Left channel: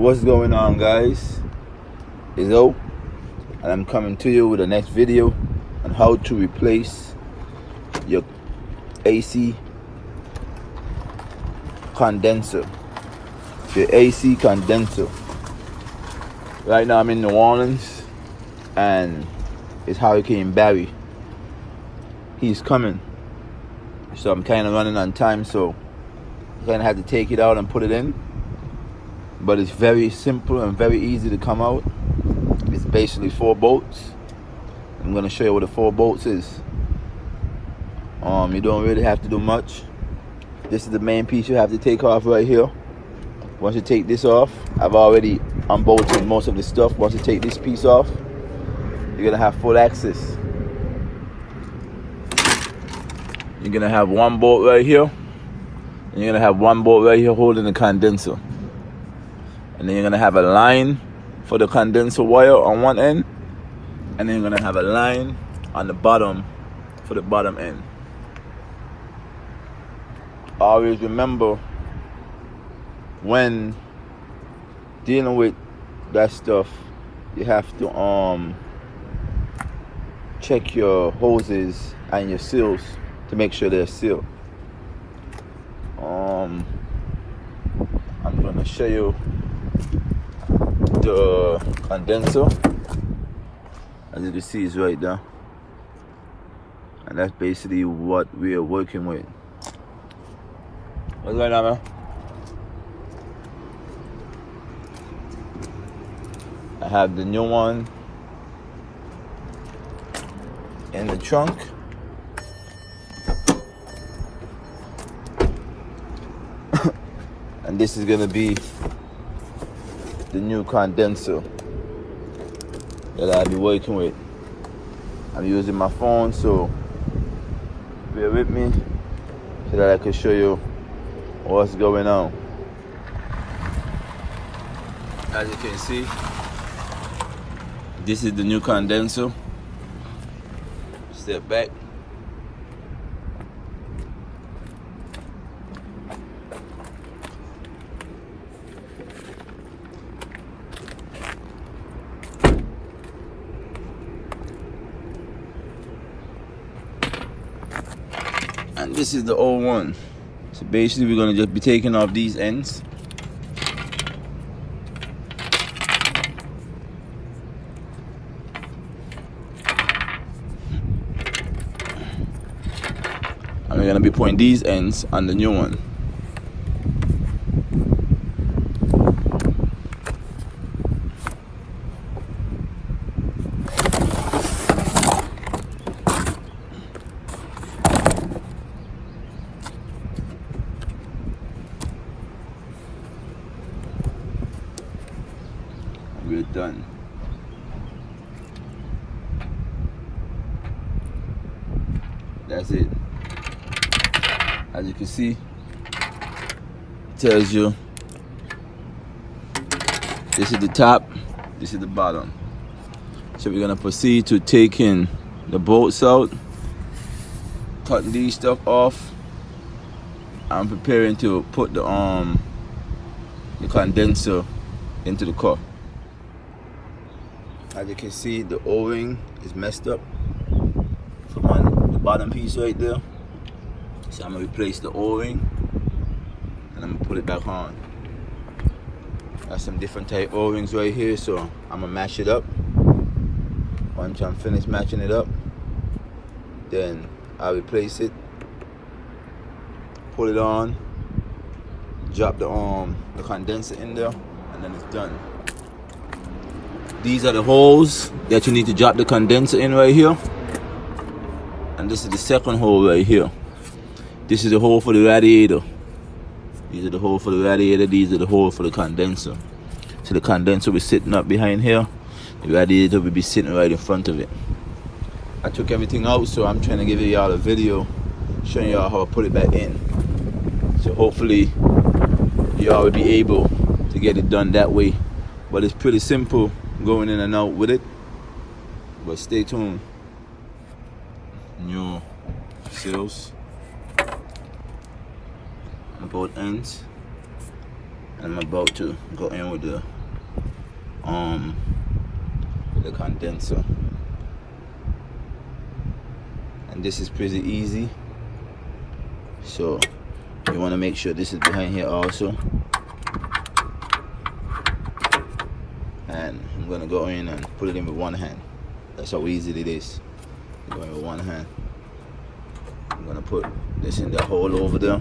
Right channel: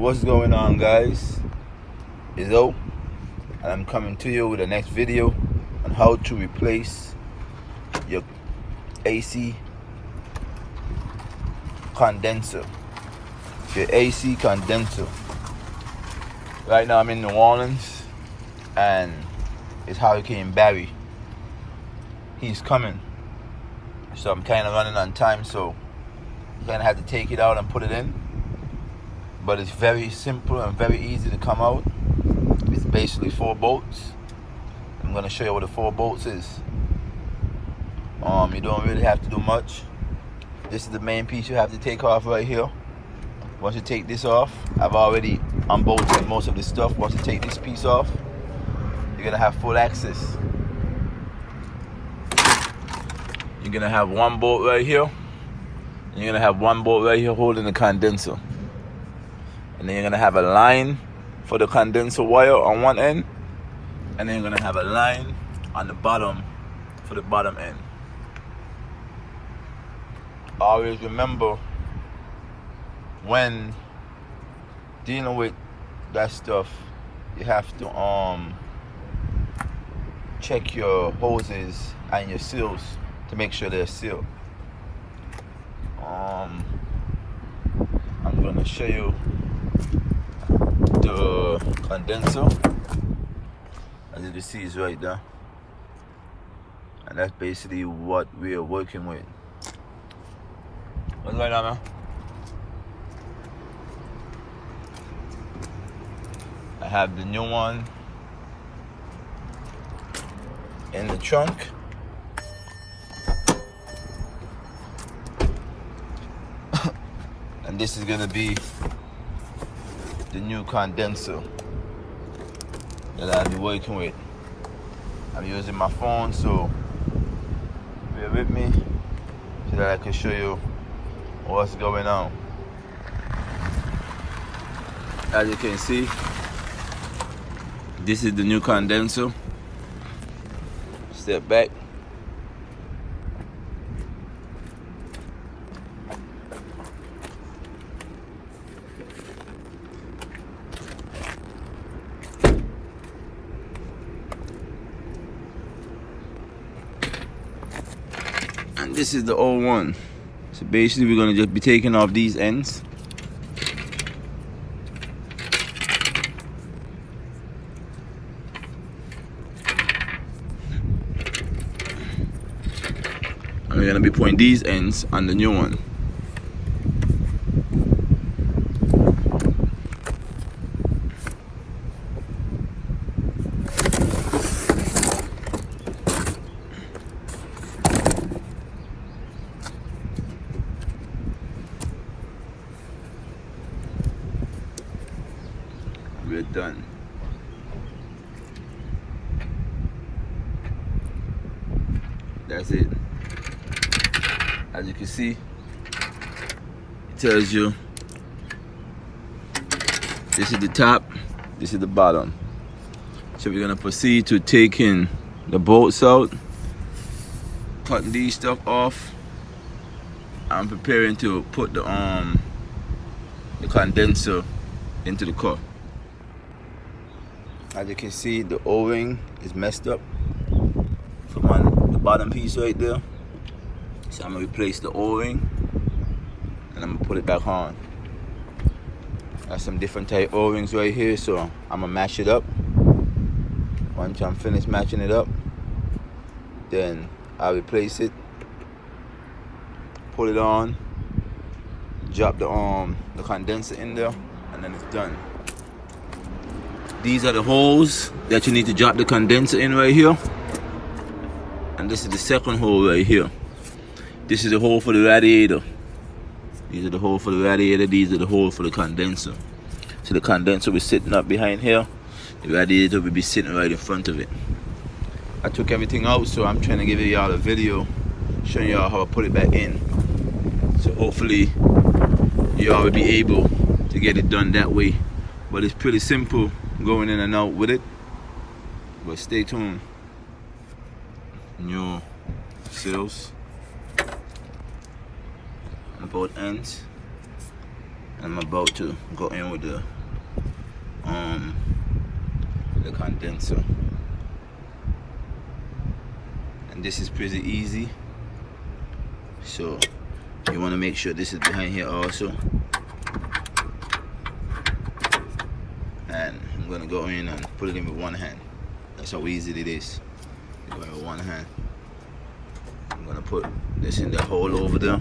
What's going on, guys? It's O, and I'm coming to you with the next video on how to replace your AC condenser. Your AC condenser. Right now I'm in New Orleans and it's Hurricane Barry. He's coming, so I'm kind of running on time, so I'm gonna have to take it out and put it in. But it's very simple and very easy to come out. It's basically 4 bolts. I'm gonna show you what the 4 bolts is. You don't really have to do much. This is the main piece you have to take off right here. Once you take this off, I've already unbolted most of the stuff. Once you take this piece off, you're gonna have full access. You're gonna have 1 bolt right here. And you're gonna have 1 bolt right here holding the condenser. And then you're gonna have a line for the condenser wire on one end, and then you're gonna have a line on the bottom for the bottom end. Always remember, when dealing with that stuff, you have to check your hoses and your seals to make sure they're sealed. I'm gonna show you the condenser. As you can see, it's right there, and that's basically what we are working with. What's going on, man? I have the new one in the trunk. And this is gonna be the new condenser that I'll be working with. I'm using my phone, so bear with me so that I can show you what's going on. As you can see, this is the new condenser. Step back. And this is the old one. So basically we're gonna just be taking off these ends. And we're gonna be putting these ends on the new one. We're done. That's it. As you can see, it tells you this is the top, this is the bottom. So we're gonna proceed to taking the bolts out, cutting these stuff off. I'm preparing to put the condenser into the car. As you can see, the O-ring is messed up from on the bottom piece right there. So I'm gonna replace the O-ring and I'm gonna put it back on. Got some different type O-rings right here, so I'm gonna match it up. Once I'm finished matching it up, then I'll replace it, put it on, drop the condenser in there, and then it's done. These are the holes that you need to drop the condenser in right here. And this is the second hole right here. This is the hole for the radiator. These are the hole for the radiator. These are the hole for the condenser. So the condenser will be sitting up behind here. The radiator will be sitting right in front of it. I took everything out, so I'm trying to give y'all a video showing y'all how I put it back in. So hopefully y'all will be able to get it done that way. But it's pretty simple going in and out with it. But stay tuned. New seals on both ends. I'm about to go in with the condenser. And this is pretty easy. So you want to make sure this is behind here also. And I'm gonna go in and put it in with one hand. That's how easy it is. You go in with one hand. I'm gonna put this in the hole over there.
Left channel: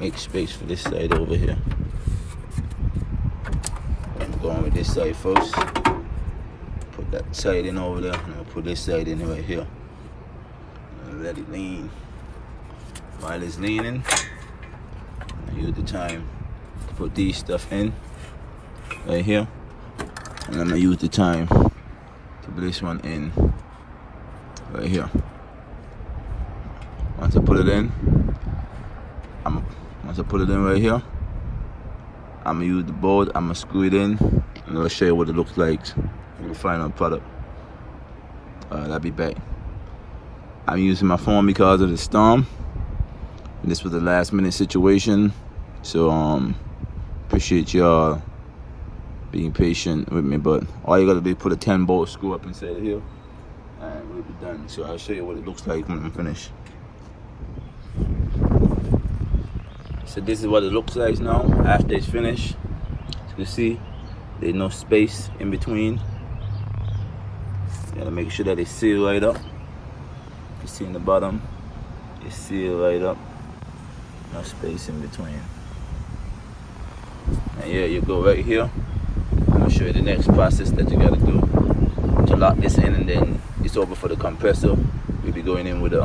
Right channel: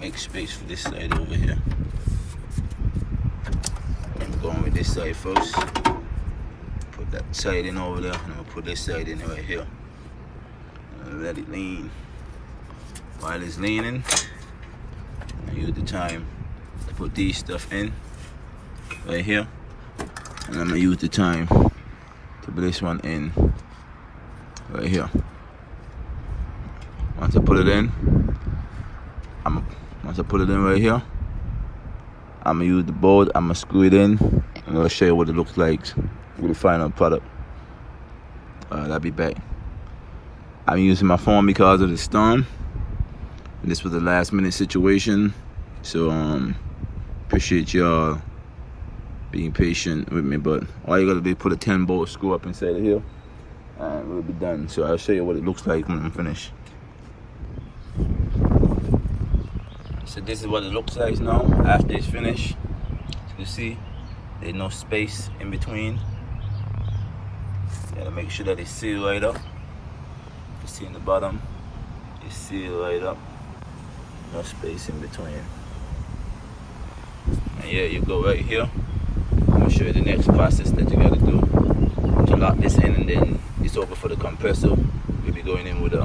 Make space for this side over here. I'm going with this side first. Put that side in over there, and I'm gonna put this side in right here. And let it lean. While it's leaning, I use the time to put these stuff in right here, and I'm gonna use the time to put this one in right here. Once I put it in, right here, I'm gonna use the board, I'm gonna screw it in, and I'll show you what it looks like with the final product. I'll be back. I'm using my phone because of the storm. This was a last minute situation, so appreciate y'all being patient with me, but all you gotta do is put a 10-bolt screw up inside of here and we'll be done. So I'll show you what it looks like when I'm finished. So this is what it looks like now after it's finished. You see there's no space in between, and make sure that it's sealed right up. You see in the bottom, it's sealed right up, no space in between. And yeah, you go right here. I'm gonna show you the next process that you gotta do to lock this in, and then it's over for the compressor. We'll be going in with the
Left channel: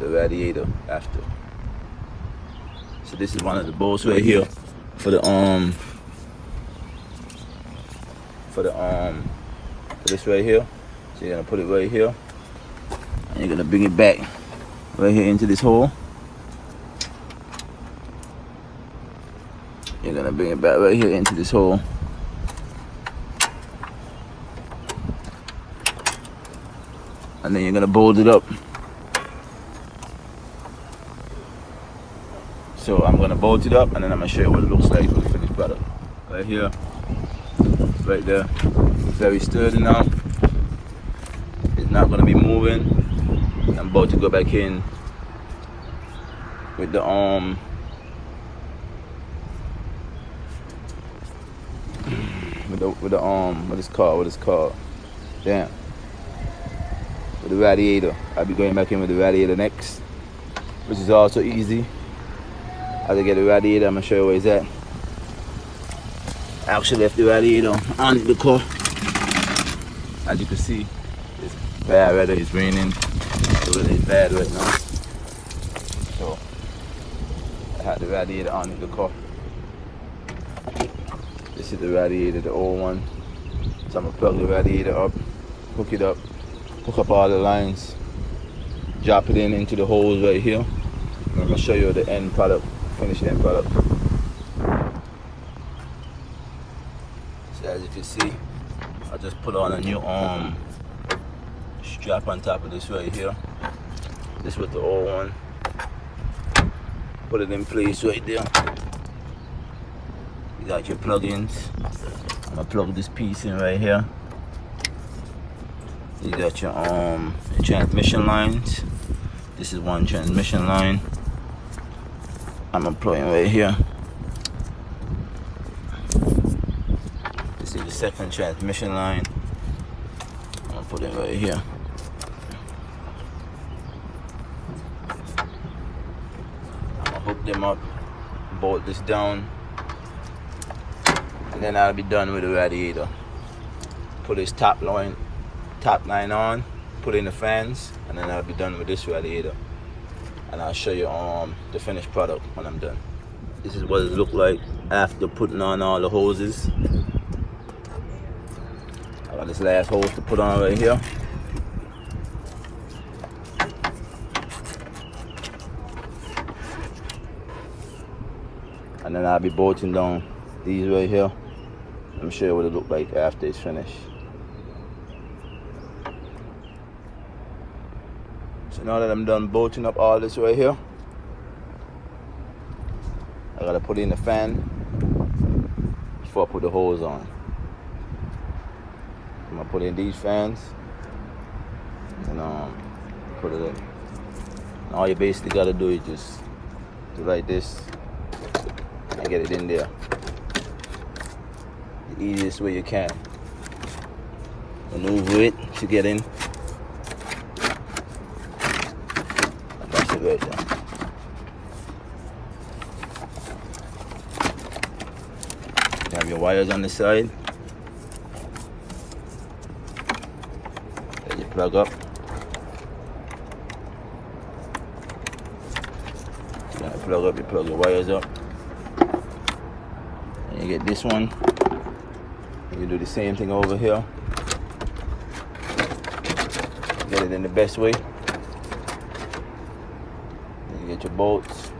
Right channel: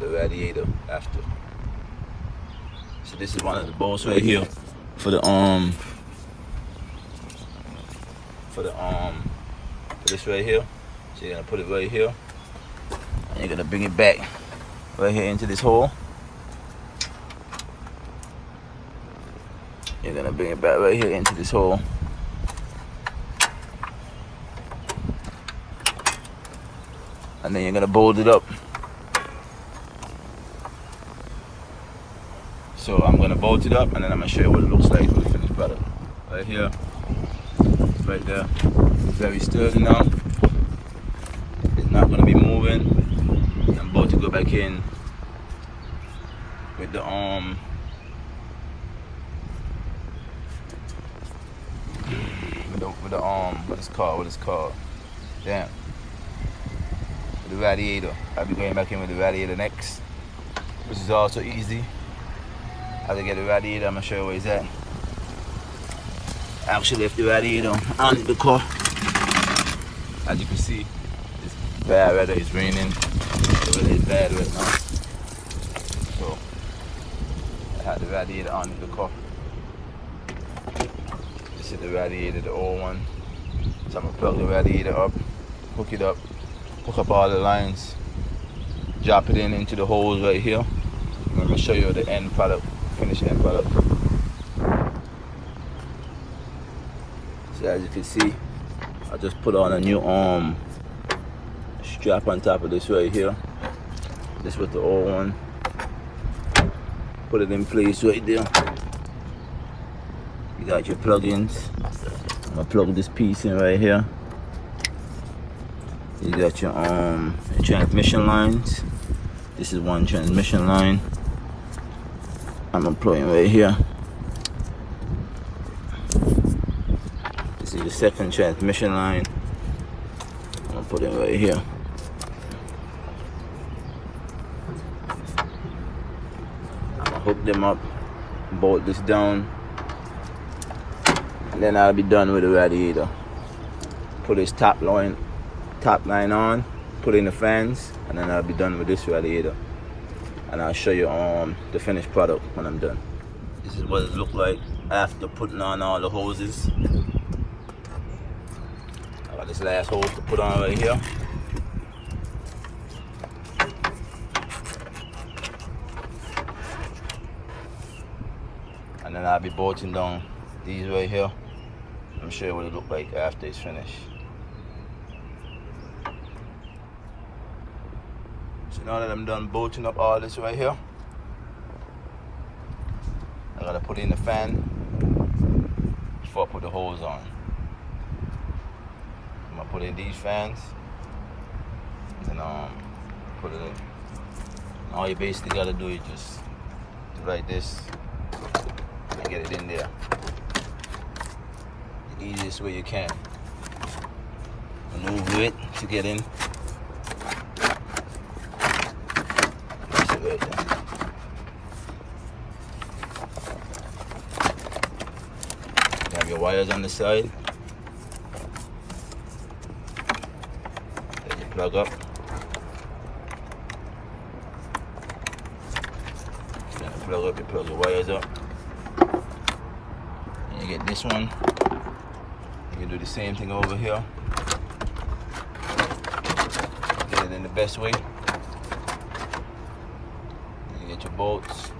radiator after. So this is one of the bolts right here for this right here. So you're gonna put it right here, and you're gonna bring it back right here into this hole. You're gonna bring it back right here into this hole. And then you're gonna bolt it up. So I'm gonna bolt it up, and then I'm gonna show you what it looks like with the finished product. Right here, right there, very sturdy now. It's not gonna be moving. I'm about to go back in with the what it's called. Yeah. With the radiator. I'll be going back in with the radiator next, which is also easy. How to get the radiator, I'm gonna show you where it's at. I actually left the radiator on the car. As you can see, it's bad weather, it's raining. It's really bad right now. So I had the radiator on the car. This is the radiator, the old one. So I'm gonna plug the radiator up, hook it up, hook up all the lines, drop it into the holes right here. I'm gonna show you the end product, finished end product. So as you can see, I just put on a new strap on top of this right here. This was the old one. Put it in place right there. You got your plugins. I'm gonna plug this piece in right here. You got your transmission lines. This is one transmission line. I'm gonna plug in right here. This is the second transmission line. I'm gonna put it right here. I'll hook them up, bolt this down, and then I'll be done with the radiator. Put this top line on, put in the fans, and then I'll be done with this radiator. And I'll show you the finished product when I'm done. This is what it looked like after putting on all the hoses. I got this last hose to put on right here. And then I'll be bolting down these right here. I'm sure what it look like after it's finished. So Now that I'm done bolting up all this right here, I gotta put in the fan before I put the hose on. I'm gonna put in these fans and put it in. All you basically gotta do is just do like this and get it in there the easiest way you can. Maneuver it to get in. You have your wires on the side. Then you plug up. Plug up, you plug your wires up. And you get this one. You do the same thing over here. Get it in the best way. Then you get your bolts.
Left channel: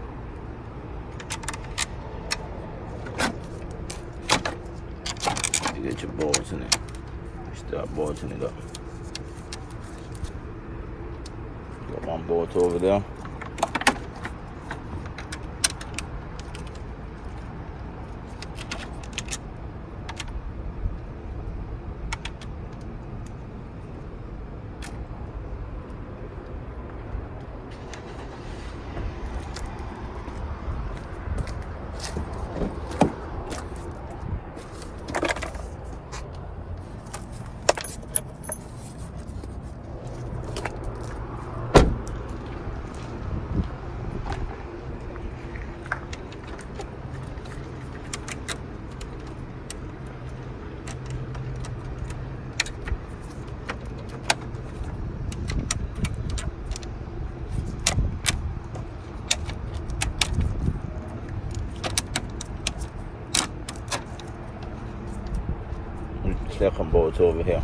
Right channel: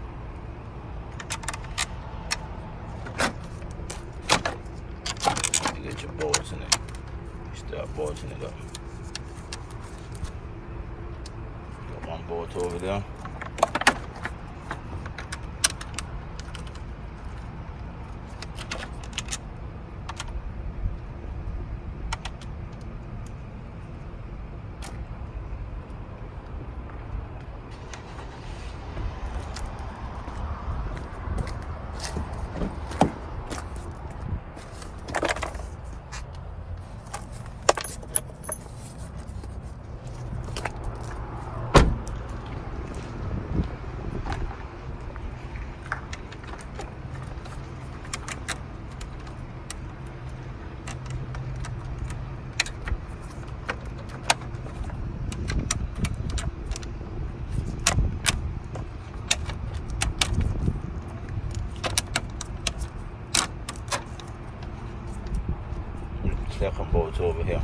You get your bolts in it. Start bolting it up. Got one bolt over there. Second bolt over here.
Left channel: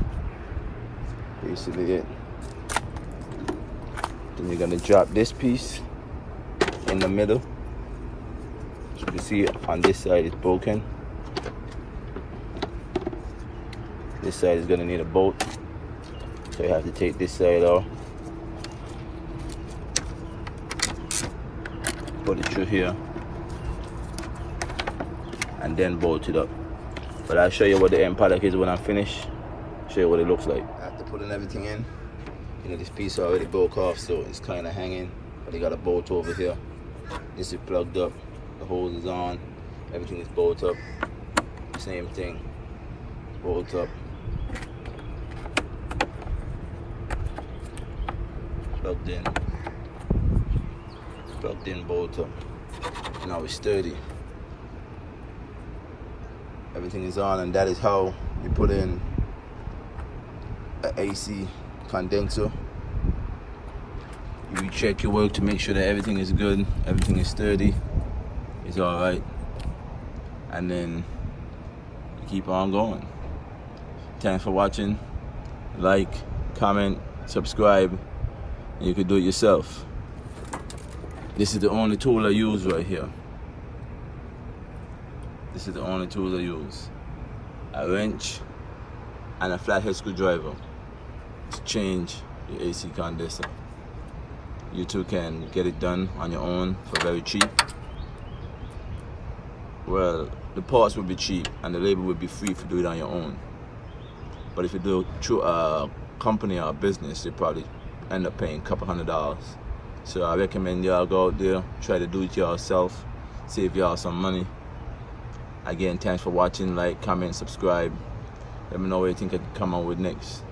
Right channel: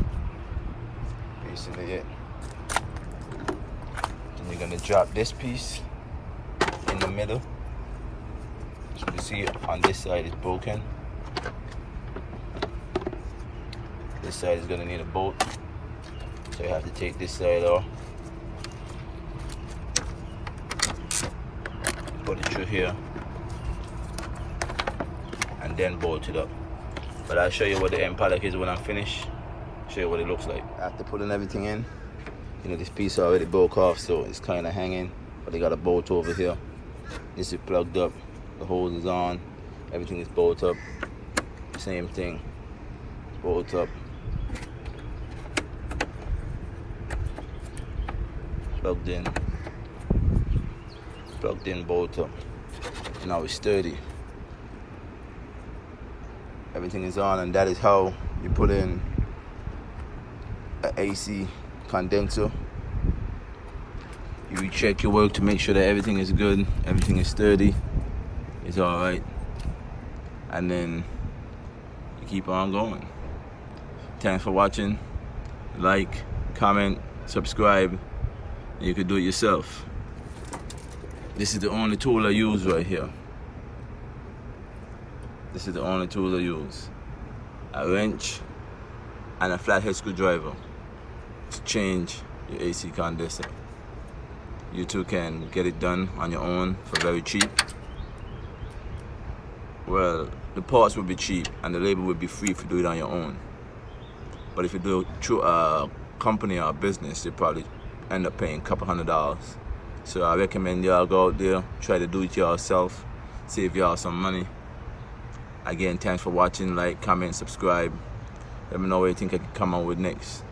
Basically it. Then you're gonna drop this piece in the middle. As you can see on this side it's broken. This side is gonna need a bolt. So you have to take this side off. Put it through here. And then bolt it up. But I'll show you what the end product is when I finish. Show you what it looks like. After putting everything in, you know, this piece already broke off, so it's kind of hanging. But they got a bolt over here. This is plugged up. The hose is on. Everything is bolted up. Same thing. Bolt up. Plugged in. Plugged in, bolt up. Now it's sturdy. Everything is on, and that is how you put in an AC condenser. You check your work to make sure that everything is good, everything is sturdy, it's all right, and then you keep on going. Thanks for watching. Like, comment, subscribe, and you can do it yourself. This is the only tool I use right here. This is the only tools I use. A wrench and a flathead screwdriver to change the AC condenser. You too can get it done on your own for very cheap. Well, the parts will be cheap and the labor will be free if you do it on your own. But if you do it through a company or a business, you probably end up paying a couple $100. So I recommend y'all go out there, try to do it yourself, save y'all some money. Again, thanks for watching. Like, comment, subscribe. Let me know what you think I can come out with next.